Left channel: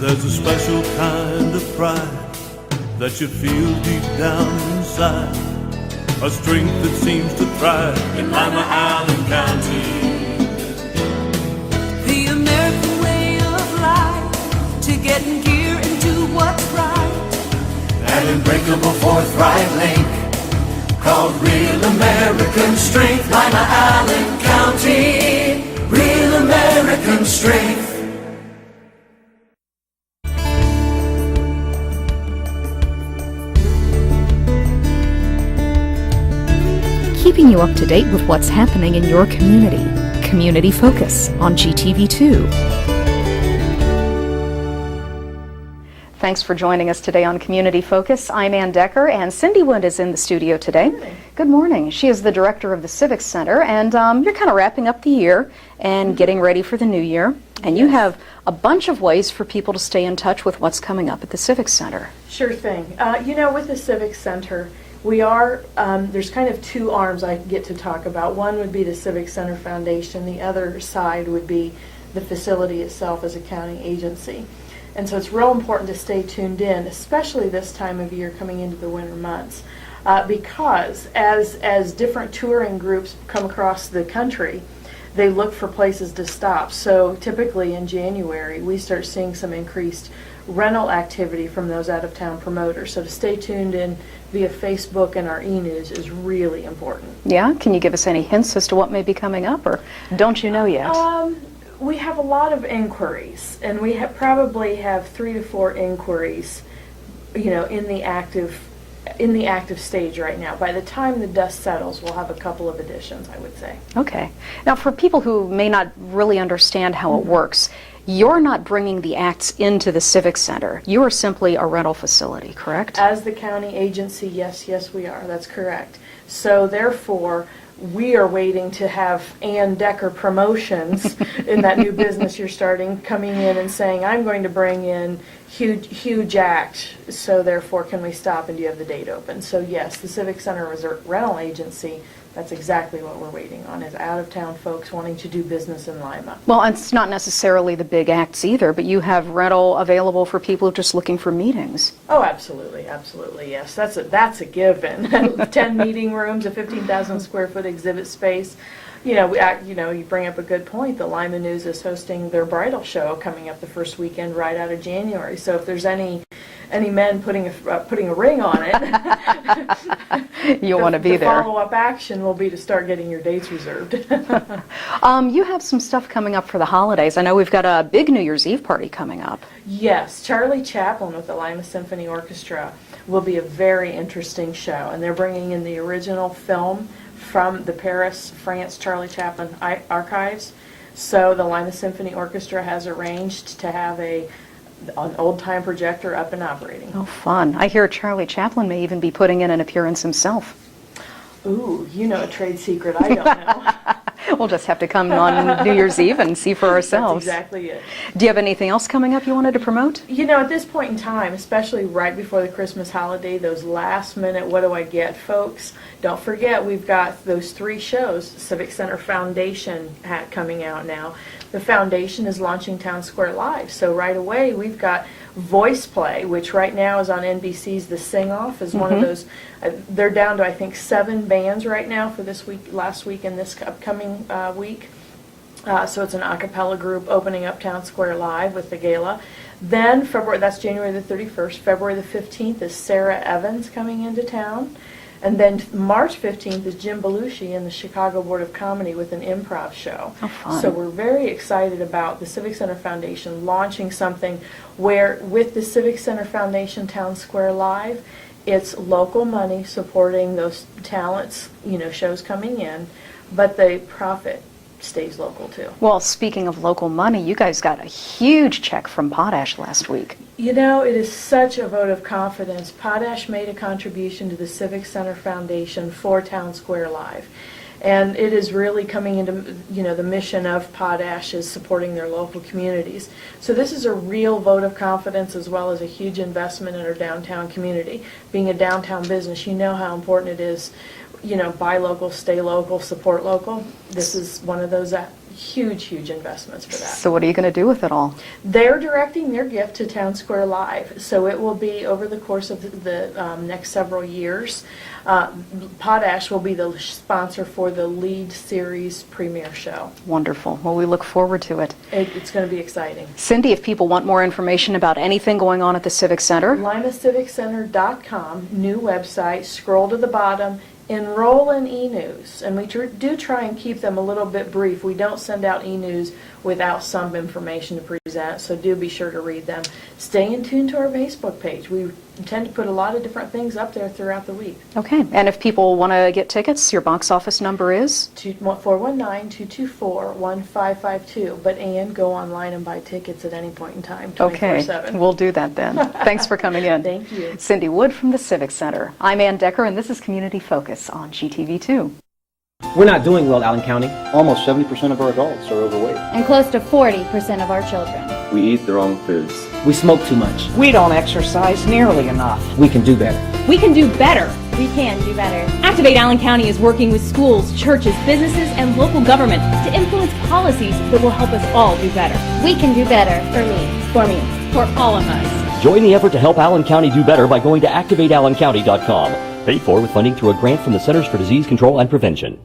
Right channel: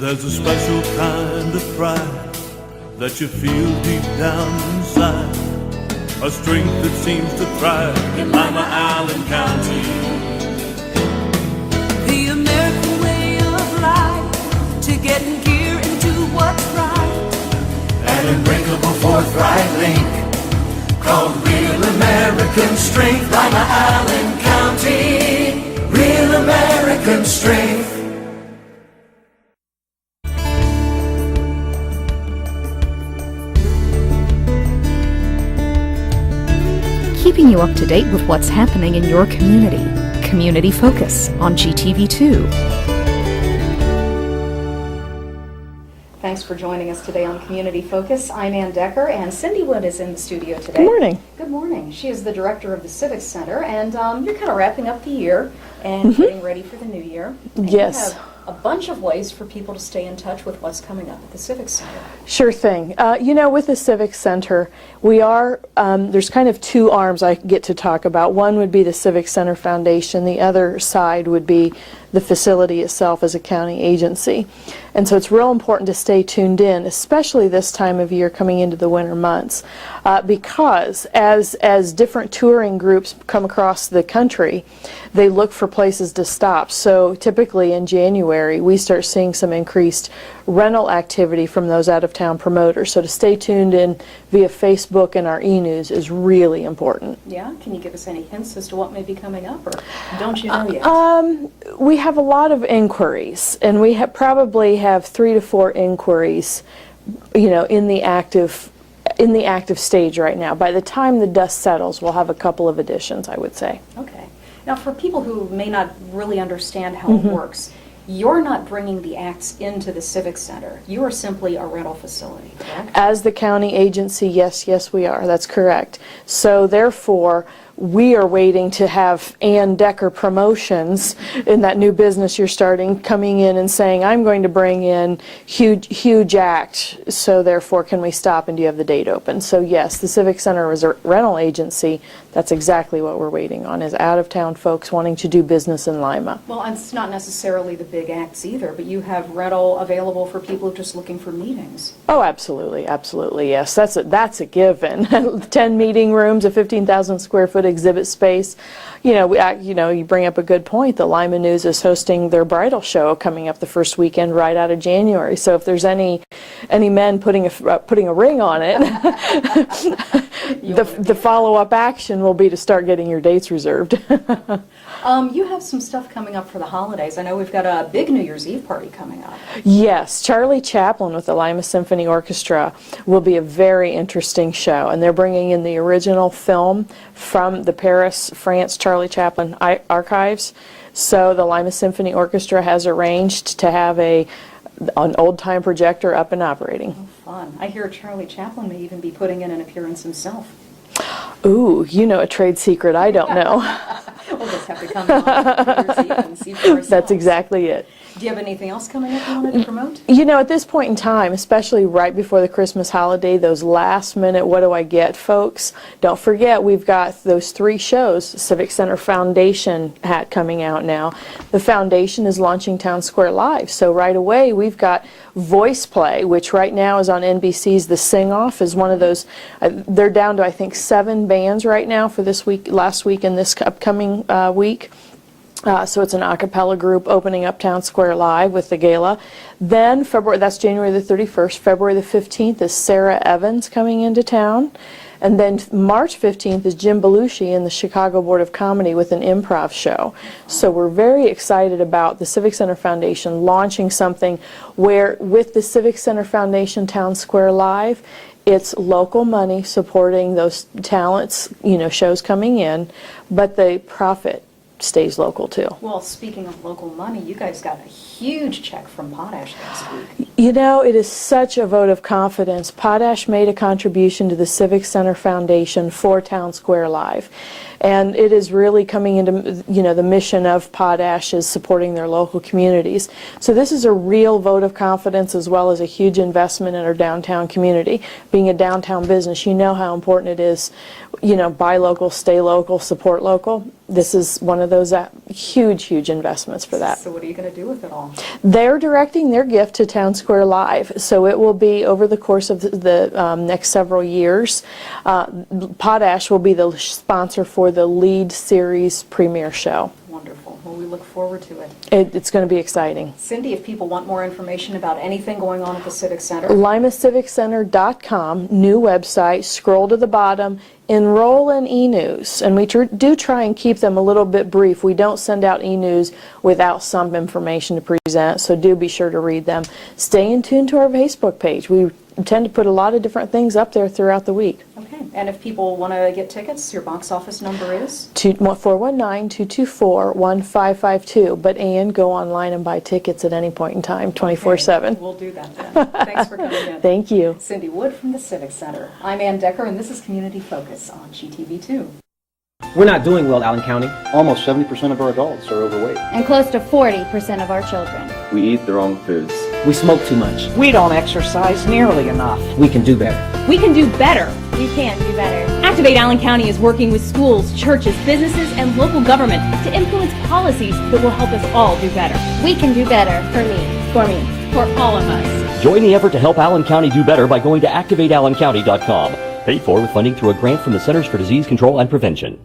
There's a special kind of pride that you feel deep down inside, a strength that seems to thrive in Lima, Allen County. The American way of life, to get in gear and do what's right. An unbreakable forthright link called real American strength. Lima, Allen County, real American strength. Keeping you up to date with what's happening in your community. Community Focus on GTV2. Thanks for joining us today on Community Focus. I'm Ann Decker, and Cindy Wood is in the studio today. Good morning. Good morning. She is the director of the Civic Center, and you're kind of wrapping up the year and getting ready for the new year. And you have a bunch of ways for people to stay in touch with what's coming up at the Civic Center. Sure thing. You know, with the Civic Center, we are, there's kind of two arms I get to talk about. One would be the Civic Center Foundation. The other side would be the facility itself as a county agency. And so it's real important to stay tuned in, especially this time of year coming into the winter months, because as different touring groups come across the country, they look for places to stop. So typically in January, we start seeing some increased rental activity from those out-of-town promoters. So to stay tuned in via Facebook and our e-news is really important. Yeah? Can you give us any hints as to what may be coming up, or don't you know yet? We have a lot of inquiries, and we probably have 3 to 4 inquiries, you know, in the active stage right now. By the time the dust settles, we'll have a couple of additions, I would say. Okay. Now, for people who may not really understand how it works, you're not bringing the acts into the Civic Center. You are simply a rental facility, correct? As the county agency, yes, we are. That's correct. So therefore, we are waiting to have Ann Decker Promotions in that new business you're starting coming in and saying, I'm going to bring in huge act, so therefore can we stop and do you have the date open? So yes, the Civic Center is a rental agency. That's exactly what we're waiting on, is out-of-town folks wanting to do business in Lima. Well, it's not necessarily the big acts either, but you have rental available for people just looking for meetings. Oh, absolutely, yes. That's a given. 10 meeting rooms, a 15,000 square foot exhibit space. You know, you bring up a good point. The Lima News is hosting their bridal show coming up the first weekend right out of January. So if there's any men putting a ring on it, you want to be there. The follow-up action will be to start getting your dates reserved. You have some stuff coming up for the holidays. I know we've got a big New Year's Eve party coming up. Yes, Charlie Chaplin with the Lima Symphony Orchestra will be a very interesting show, and they're bringing in the original film from the Paris, France Charlie Chaplin archives. So the Lima Symphony Orchestra has arranged to have an old-time projector up and operating. Oh, fun. I hear Charlie Chaplin may even be putting in an appearance himself. Ooh, you know a trade secret I don't know. We'll just have to come on New Year's Eve and see for ourselves. That's exactly it. Do you have anything else coming up you wanted to promote? You know, at this point in time, especially right before the Christmas holiday, those last minute what do I get folks, don't forget we've got those 3 shows. Civic Center Foundation hat coming out now. The foundation is launching Town Square Live, so right away we've got Voice Play, which right now is on NBC's The Sing Off, is one of those. They're down to I think 7 bands right now for this week, last week, and this upcoming week. So it's an a cappella group opening up Town Square Live with the gala. Then that's January the 31st. February the 15th is Sarah Evans coming into town. And then March 15th is Jim Belushi and the Chicago Board of Comedy with an improv show. Oh, so we're very excited about the Civic Center Foundation launching something where, with the Civic Center Foundation Town Square Live, it's local money supporting those talents, you know, shows coming in, but the profit stays local too. Well, speaking of local money, you guys got a huge check from Potash last week. You know, it is such a vote of confidence. Potash made a contribution to the Civic Center Foundation for Town Square Live. And it is really coming into, you know, the mission of Potash is supporting their local communities. So this is a real vote of confidence as well as a huge investment in our downtown community. Being a downtown business, you know how important it is, you know, buy local, stay local, support local. This is one of those huge investments for that. So what are you going to do with it all? They're directing their gift to Town Square Live, so it will be over the course of the next several years. Potash will be the sponsor for the lead series premiere show. Wonderful. Well, we look forward to it. It's going to be exciting. Cindy, if people want more information about anything going on at the Civic Center, LimaCivicCenter.com, new website, scroll to the bottom, enroll in e-news, and we do try and keep them a little bit brief. We don't send out e-news without some information to present, so do be sure to read them. Stay in tune to our Facebook page. We tend to put a lot of different things up there throughout the week. Okay, and if people want to get tickets, your box office number is? 419-224-1552, but Ann, go online and buy tickets at any point in time, 24/7. Okay, we'll do that then. Thanks for coming in. Thank you. Cindy Wood from the Civic Center. I'm Ann Decker, and this is Community Focus on GTV2. We're not doing well, Allen County. Almost 70% of our adults are overweight. And close to 40% of our children. We eat the wrong foods. We smoke too much. We don't exercise nearly enough. We can do better. We can do better. We can do better. Activate Allen County is working with schools, churches, businesses, and local government to influence policies that will help us all do better. We can do better. For me. For me. For all of us. Join the effort to help Allen County do better by going to activateallencountry.com. Paid for with funding through a grant from the Centers for Disease Control and Prevention.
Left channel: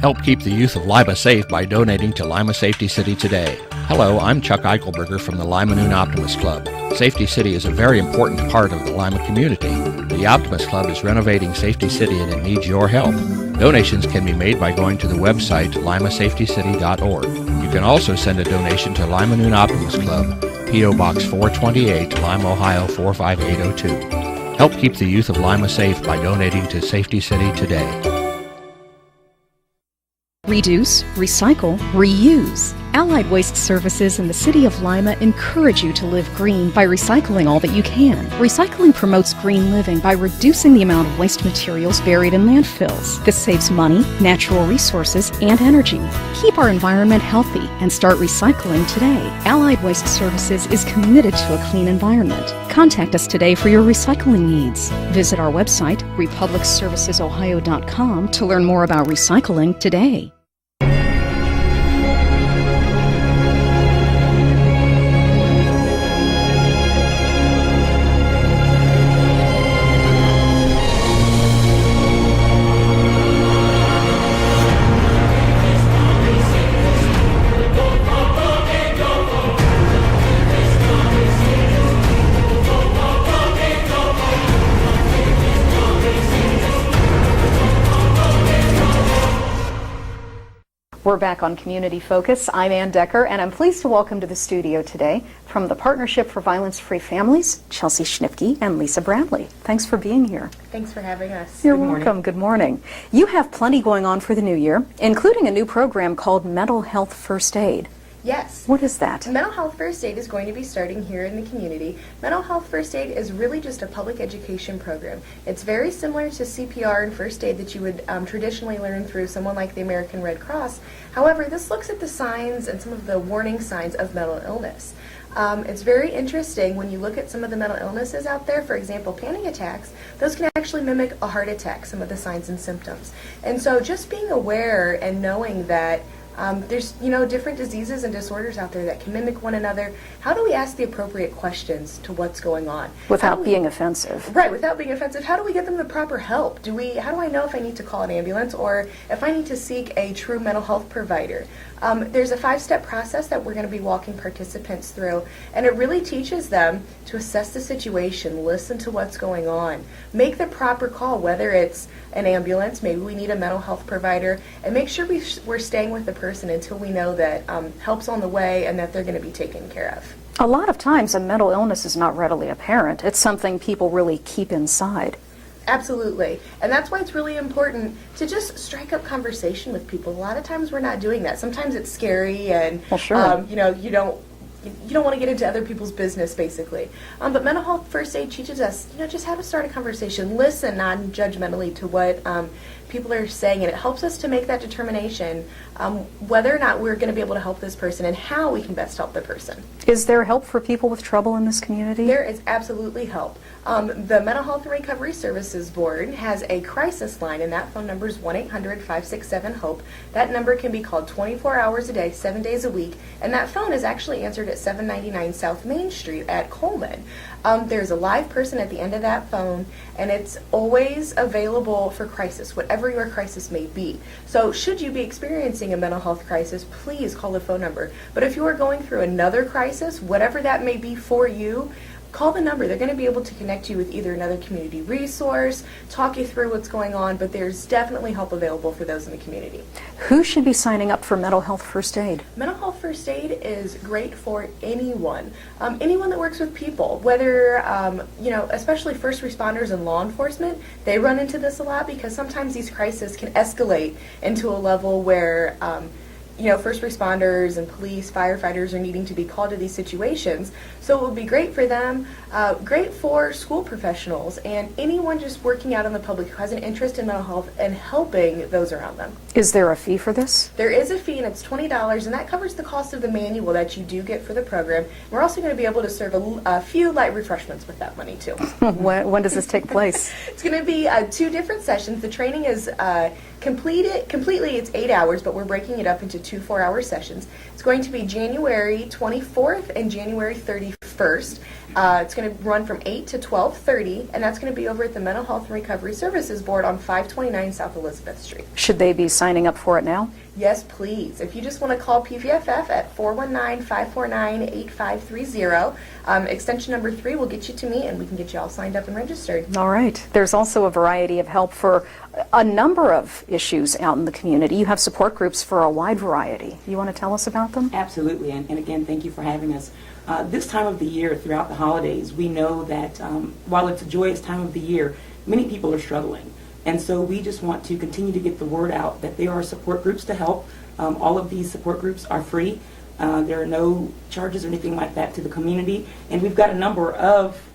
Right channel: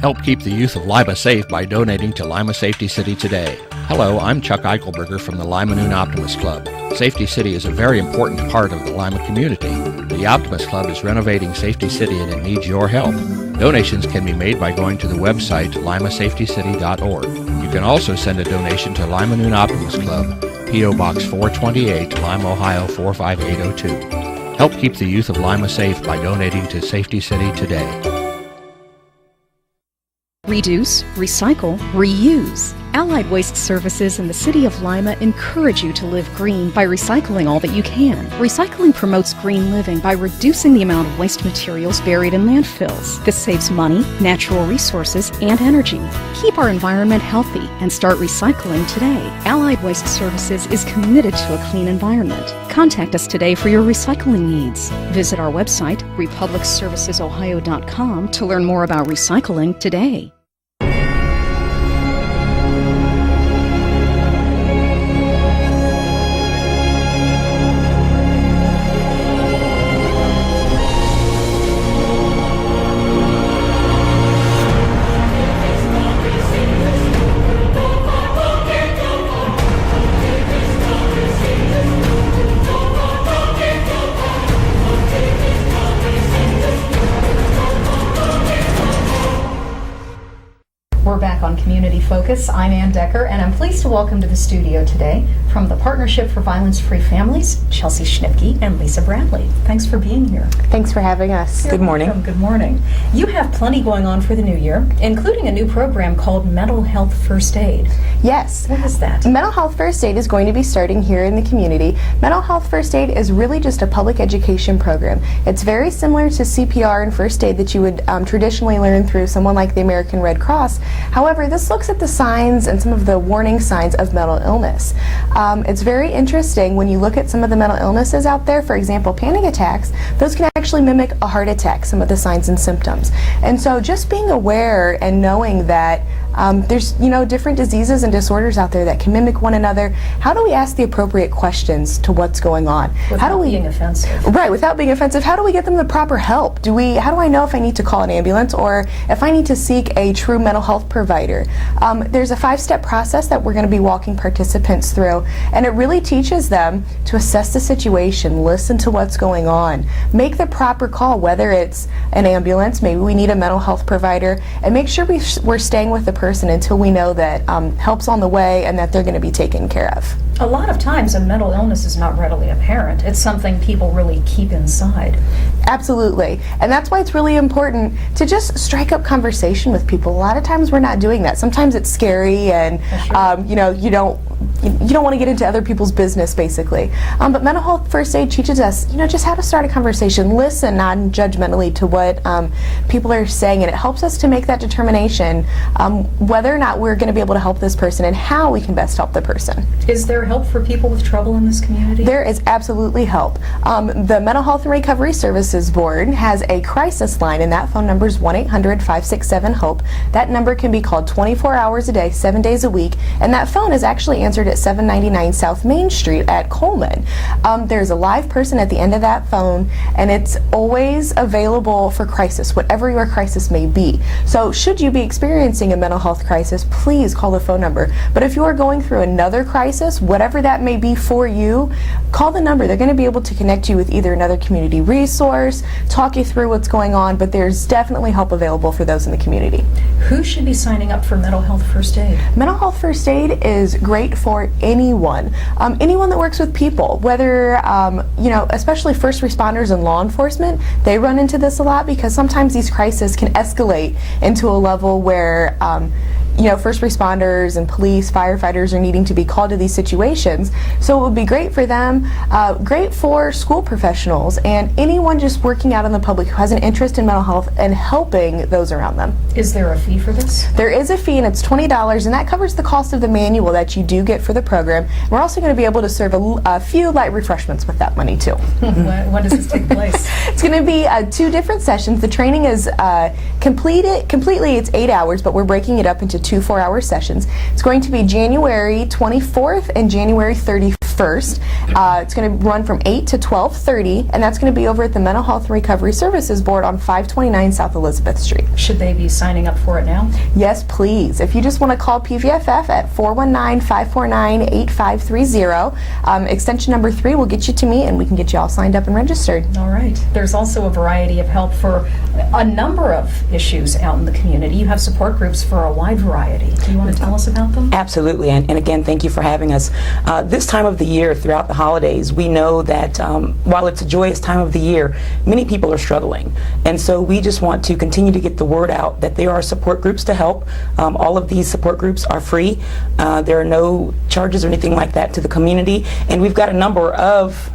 Help keep the youth of Lima safe by donating to Lima Safety City today. Hello, I'm Chuck Eichelberger from the Lima Noon Optimist Club. Safety City is a very important part of the Lima community. The Optimist Club is renovating Safety City and it needs your help. Donations can be made by going to the website limasafetycity.org. You can also send a donation to Lima Noon Optimist Club, P.O. Box 428, Lima, Ohio 45802. Help keep the youth of Lima safe by donating to Safety City today. Reduce, recycle, reuse. Allied Waste Services in the City of Lima encourage you to live green by recycling all that you can. Recycling promotes green living by reducing the amount of waste materials buried in landfills. This saves money, natural resources, and energy. Keep our environment healthy and start recycling today. Allied Waste Services is committed to a clean environment. Contact us today for your recycling needs. Visit our website, republicservicesohio.com, to learn more about recycling today. We're back on Community Focus. I'm Ann Decker, and I'm pleased to welcome to the studio today, from the Partnership for Violence-Free Families, Chelsea Schnipke and Lisa Bradley. Thanks for being here. Thanks for having us. You're welcome. Good morning. You have plenty going on for the new year, including a new program called Mental Health First Aid. Yes. What is that? Mental Health First Aid is going to be starting here in the community. Mental Health First Aid is really just a public education program. It's very similar to CPR and first aid that you would traditionally learn through someone like the American Red Cross. However, this looks at the signs and some of the warning signs of mental illness. It's very interesting when you look at some of the mental illnesses out there. For example, panic attacks, those can actually mimic a heart attack, some of the signs and symptoms. And so just being aware and knowing that there's, different diseases and disorders out there that can mimic one another. How do we ask the appropriate questions to what's going on? Without being offensive. Right, without being offensive. How do we get them the proper help? How do I know if I need to call an ambulance or if I need to seek a true mental health provider? There's a 5-step process that we're going to be walking participants through, and it really teaches them to assess the situation, listen to what's going on, make the proper call, whether it's an ambulance, maybe we need a mental health provider, and make sure we're staying with the person until we know that help's on the way and that they're going to be taken care of. A lot of times a mental illness is not readily apparent. It's something people really keep inside. Absolutely. And that's why it's really important to just strike up conversation with people. A lot of times we're not doing that. Sometimes it's scary and, you don't you don't want to get into other people's business, basically. But mental health first aid teaches us, just how to start a conversation, listen non-judgmentally to what people are saying, and it helps us to make that determination whether or not we're going to be able to help this person and how we can best help the person. Is there help for people with trouble in this community? There is absolutely help. The Mental Health and Recovery Services Board has a crisis line, and that phone number is 1-800-567-HOPE. That number can be called 24 hours a day, 7 days a week, and that phone is actually answered at 799 South Main Street at Coleman. There's a live person at the end of that phone, and it's always available for crisis, whatever your crisis may be. So should you be experiencing a mental health crisis, please call the phone number. But if you are going through another crisis, whatever that may be for you, call the number. They're going to be able to connect you with either another community resource, talk you through what's going on, but there's definitely help available for those in the community. Who should be signing up for mental health first aid? Mental health first aid is great for anyone. Anyone that works with people, whether, especially first responders and law enforcement, they run into this a lot because sometimes these crises can escalate into a level where first responders and police, firefighters are needing to be called to these situations. So it would be great for them, great for school professionals, and anyone just working out in the public who has an interest in mental health and helping those around them. Is there a fee for this? There is a fee, and it's $20, and that covers the cost of the manual that you do get for the program. We're also going to be able to serve a few light refreshments with that money, too. When does this take place? It's going to be 2 different sessions. The training is completely, it's 8 hours, but we're breaking it up into 2 4-hour sessions. It's going to be January 24th and January 31st. It's going to run from 8 to 12:30, and that's going to be over at the Mental Health and Recovery Services Board on 529 South Elizabeth Street. Should they be signing up for it now? Yes, please. If you just want to call PVFF at 419-549-8530, extension number 3 will get you to me, and we can get you all signed up and registered. All right. There's also a variety of help for a number of issues out in the community. You have support groups for a wide variety. Do you want to tell us about them? Absolutely, and again, thank you for having us. This time of the year, throughout the holidays, we know that while it's a joyous time of the year, many people are struggling. And so we just want to continue to get the word out that there are support groups to help. All of these support groups are free. There are no charges or anything like that to the community. And we've got a number of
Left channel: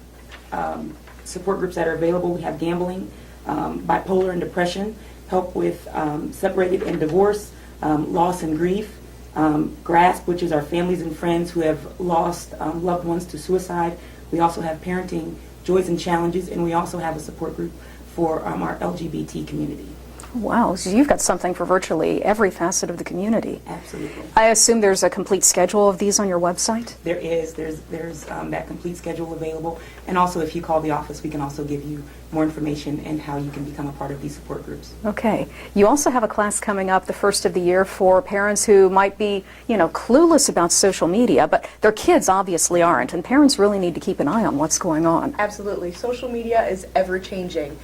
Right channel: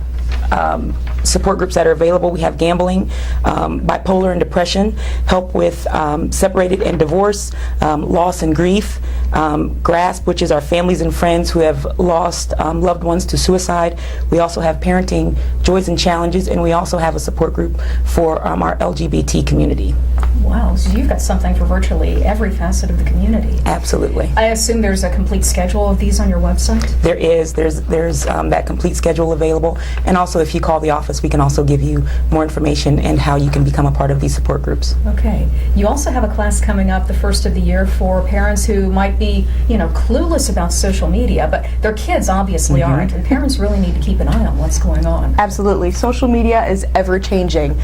support groups that are available. We have gambling, bipolar and depression, help with separated and divorce, loss and grief, GRASP, which is our families and friends who have lost loved ones to suicide. We also have parenting joys and challenges, and we also have a support group for our LGBT community. Wow, so you've got something for virtually every facet of the community. Absolutely. I assume there's a complete schedule of these on your website? There is. There's that complete schedule available, and also if you call the office, we can also give you more information and how you can become a part of these support groups. Okay. You also have a class coming up the first of the year for parents who might be, clueless about social media, but their kids obviously aren't, and parents really need to keep an eye on what's going on. Absolutely. Social media is ever-changing.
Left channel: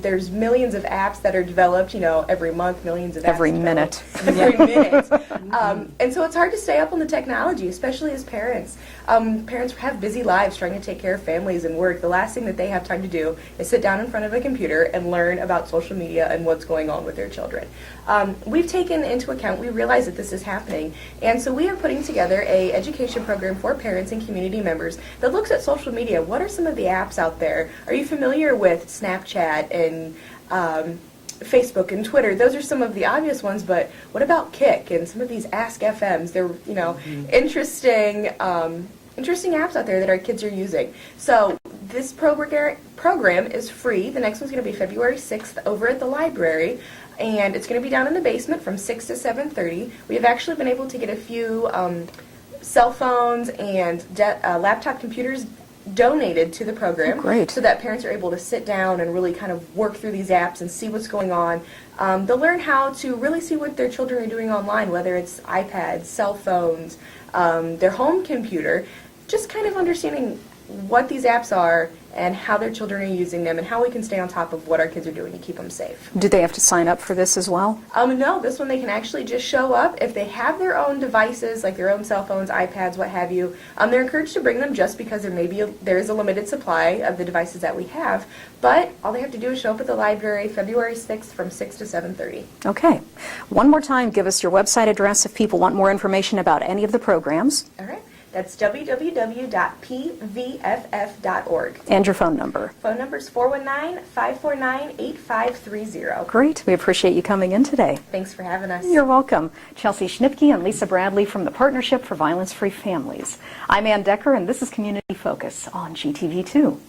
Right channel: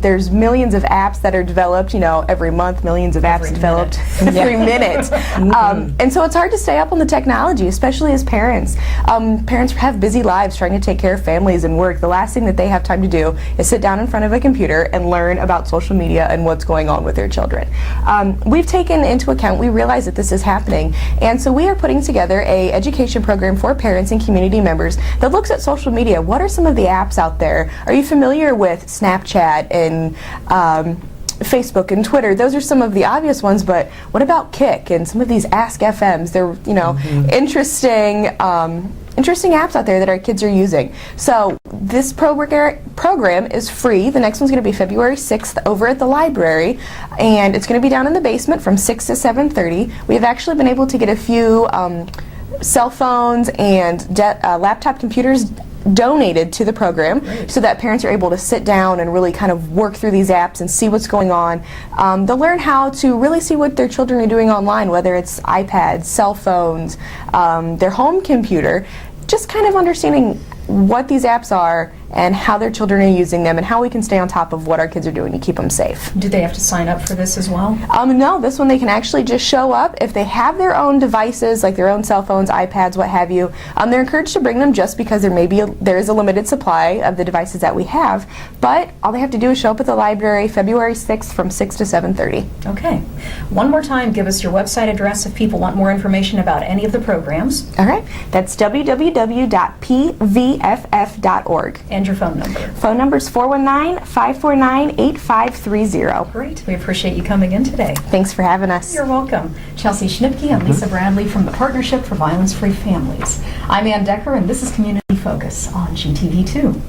There's millions of apps that are developed, every month, millions of apps developed every minute. And so it's hard to stay up on the technology, especially as parents. Parents have busy lives trying to take care of families and work. The last thing that they have time to do is sit down in front of a computer and learn about social media and what's going on with their children. We've taken into account, we realize that this is happening, and so we are putting together a education program for parents and community members that looks at social media. What are some of the apps out there? Are you familiar with Snapchat and Facebook and Twitter? Those are some of the obvious ones, but what about Kick and some of these Ask FMs? They're, interesting apps out there that our kids are using. So this program is free. The next one's going to be February 6th over at the library, and it's going to be down in the basement from 6 to 7:30. We have actually been able to get a few cell phones and laptop computers donated to the program so that parents are able to sit down and really kind of work through these apps and see what's going on. They'll learn how to really see what their children are doing online, whether it's iPads, cell phones, their home computer, just kind of understanding what these apps are and how their children are using them and how we can stay on top of what our kids are doing to keep them safe. Do they have to sign up for this as well? No, this one they can actually just show up. If they have their own devices, like their own cell phones, iPads, what have you, they're encouraged to bring them just because there is a limited supply of the devices that we have. But all they have to do is show up at the library February 6th from 6 to 7:30. Okay. One more time, give us your website address if people want more information about any of the programs. All right. That's www.pvff.org. And your phone number. Phone number is 419-549-8530. Great. We appreciate you coming in today. Thanks for having us. You're welcome. Chelsea Schnipke and Lisa Bradley from the Partnership for Violence-Free Families. I'm Ann Decker, and this is Community Focus on GTV2.